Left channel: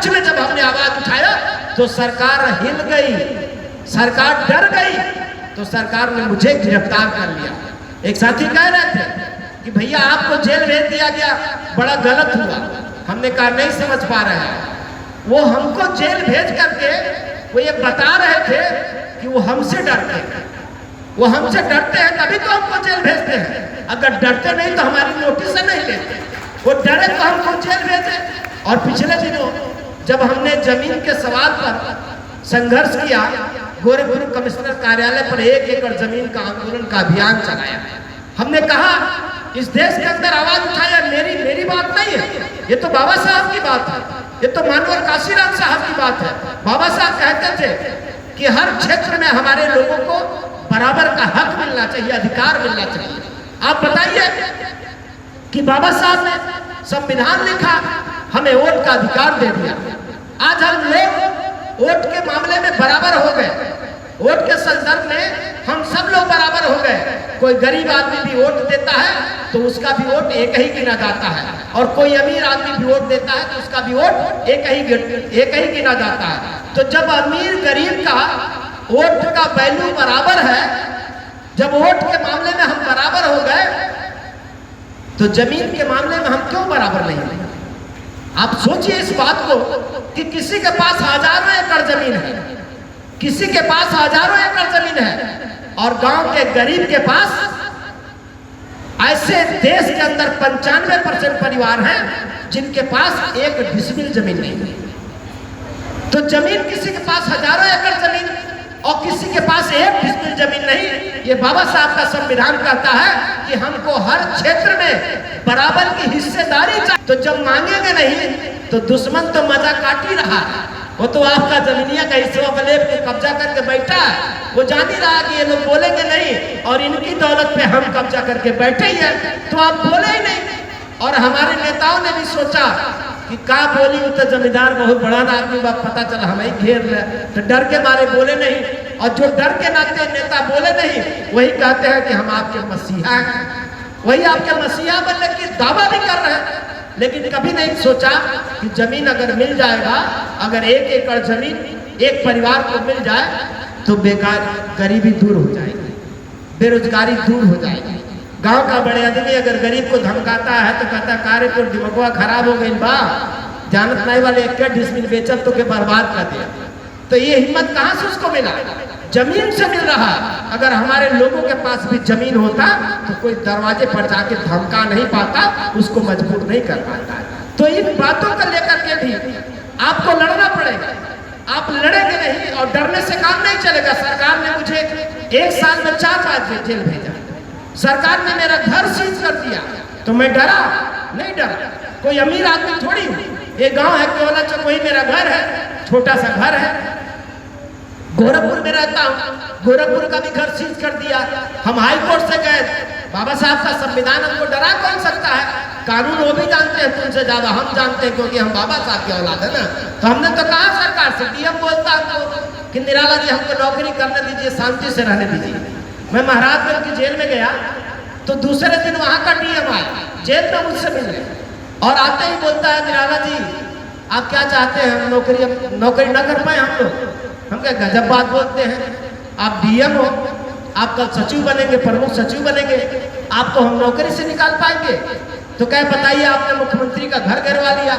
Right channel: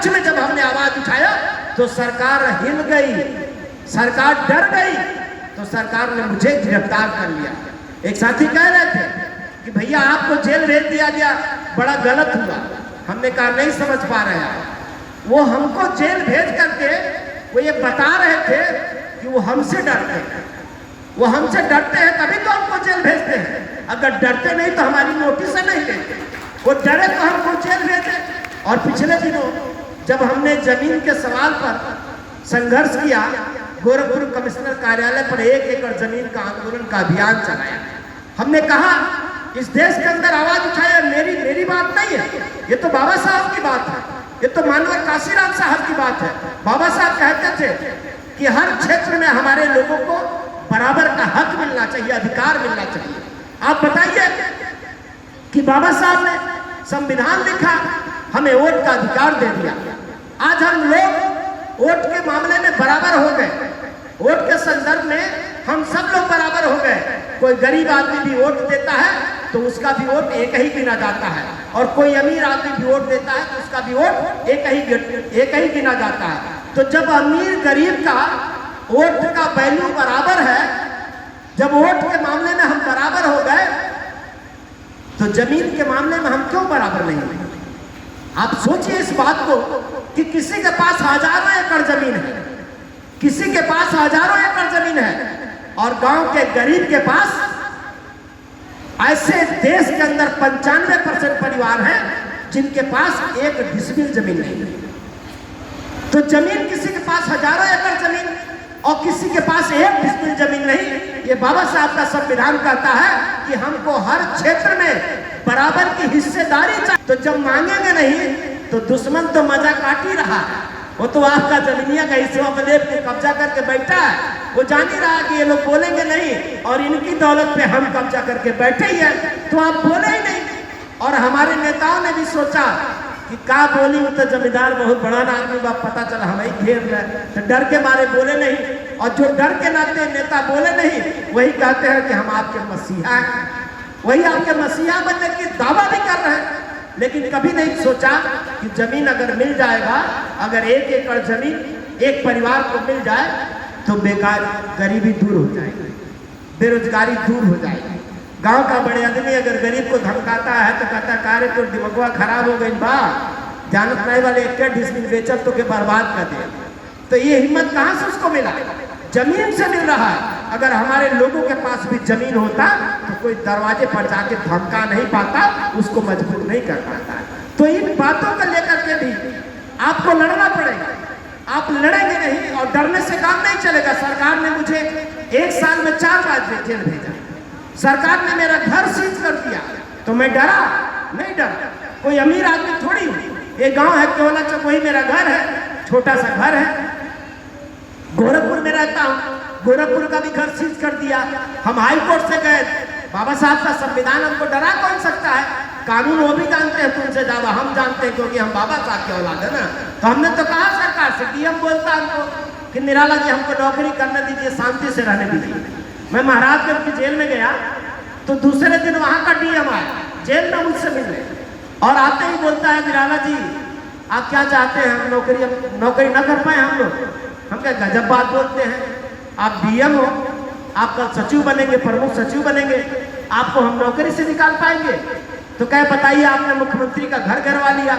पक्ष में जब हमने आवाज उठाया तो सरकार हिल गई, सरकार डर गई, तो सरकार ने मुझे गिरफ्तार कर लिया। एक साथी कह रहे थे कि भैया आपको जेल भेज दिया गया, बड़ा गलत हुआ। हमने कहा नहीं समझ पा रहे हैं, वो हमको जेल भेज करके वो ये बता रहे थे कि वो हमसे डरते हैं, वो हमसे डरते हैं तभी तो हमको जेल भेजते हैं। अगर डरते नहीं तो हमारी नोटिस नहीं लेते, वो डरे तो हमको जेल भेजे। और पिछले दिनों जब हमने जमीन के सवाल पर संघर्ष किया, गोरखपुर कमिश्नर कार्यालय पर 1 एकड़ जमीन का आंदोलन का अभियान चलाया। हमने कहा इस देश के अंदर आवाज उठाया, मेरी बात नहीं है, ये तो बाबा साहब की बात है, ये तो मानवर काशीराम साहब की बात है। बाबा साहब कहते थे कि हर क्षेत्र में हमारे लोगों को बराबर का हक मिलना चाहिए, अधिकार मिलना चाहिए। आप बताइए कि बाबा साहब ने संविधान लिखा, हमें वोट का अधिकार दे दिया। आज हम लोग वोट के मामले में बराबर हो गए, वोट के संदर्भ में हम सब लोग बराबर हो गए। कोई गरीब आदमी भी वोट देता है तो उसका भी वोट एक ही गिना जाता है, और कोई अमीर आदमी भी वोट देता है तो उसका भी वोट एक ही गिना जाता है। तो जब अमीर गरीब का वोट का वैल्यू बराबर है, जब वोट के मामले में हम बराबर हो गए, तो जमीन के मामले में हम क्यों बराबर नहीं हैं? आप सोचिए इस बात को कि किसी के पास हजारों एकड़ जमीन है, किसी के पास हजारों एकड़ जमीन है, और गांव के गरीब के पास, ऐसे देश के अंदर 95% परिवार हैं जिनके पास 1 डिसमिल जमीन नहीं है। तो जमीन किसी के पास हजारों एकड़ जमीन और किसी के पास 1 डिसमिल जमीन नहीं। ये बाबा साहब का संविधान कहता है कि हमको हर क्षेत्र में बराबर की हिस्सेदारी चाहिए। तो जब मांगेंगे नहीं तो दुश्मन तो मजा काट ही रहा है, वो तो आपका जमीनिया का हिस्सा पे लेके कब्जा करके बैठा है। वो जान ही रहा कि ये लोग बोलेंगे नहीं और इनकी दौलत पे हम कब्जा करके बैठे ही हैं, तो आप बोले ही नहीं। और हमारे नेताओं ने भी सोचा कि का बोली तो जमींदार बहुत बड़ा आदमी बा, पता चला हमें घेर ले, तो डर के मारे बोले नहीं। और जो डर के नाते नेता बोले नहीं, वही कहते हैं कि हम आपके मसीहा हैं, वही आपके मसीहा बनने की दावा भी कर रहे हैं। लेकिन कभी नहीं सोचा कि जमीन अगर मिल जाएगा, अगर 1 एकड़ जमीन एक परिवार को मिल जाए तो बेकार गरीबी दूर हो जाएगी, बेरोजगारी दूर हो जाएगी। गांव का बड़े आदमी अगर गरीब को धमकाता है तो कहता कार्य तो दिमागवा खराब हो गई बा, जानत नहीं वाले 1 डिसमिल बेचल तो के बर्बाद कर दिया। तो ये हिम्मत कहाँ से उसको मिला? जमीन से मिल रहा। अगर हमारे लोगों के पास भी जमीन होता तो कोई दरवाजे पर जाके धमका नहीं पाता, उसको मजबूर नहीं कर पाता। तो इन बातों को लेकर के भी आपको लड़ना पड़ेगा। आप लड़ेंगे नहीं और डरने से काम नहीं चलेगा। सरकार ने मुझे 1 साल में 4 बार जेल भेजा, सरकार ने मेरा घर सीज कर दिया, तो मैं डरा नहीं? डरा कोई अमीर आदमी थोड़ी हूँ। ये गांव है केवला चौक, वही मेरा घर है, छोटा सा घर है। गोरखपुर में रहता हूँ, गोरखपुर का भी घर सीज कर दिया। हम हाई कोर्ट से गए, बाबा साहब का संविधान हमको डरा कौन सकता है? कानून वो भी जानते हैं तुमसे ज्यादा हम जानते हैं, क्योंकि हम बाबा साहब के औलाद है ना। तो हमने तो कहा सरकार से, डीएम बोलता हमको कि निराला जी हमको नौकरी करने दीजिए, शांति से रहने दीजिए। मैं महाराजगंज की जेल में गया तो दूसरे दिन वहां का डीएम आया जेल में मुझसे मिलने, और आते ही बोलता है निराला जी आप क्या चाहते हैं? हम नौकरी ना कर पाए हम लोग? हम क्या गजब बात बोलते हैं, आप डीएम हो, आप कल सचिव बनेंगे, प्रमुख सचिव बनेंगे, आपको हम नौकरी से निकाल पाएंगे? तो क्या बताइए, आपने मुख्यमंत्री का घर गिरवा लिया,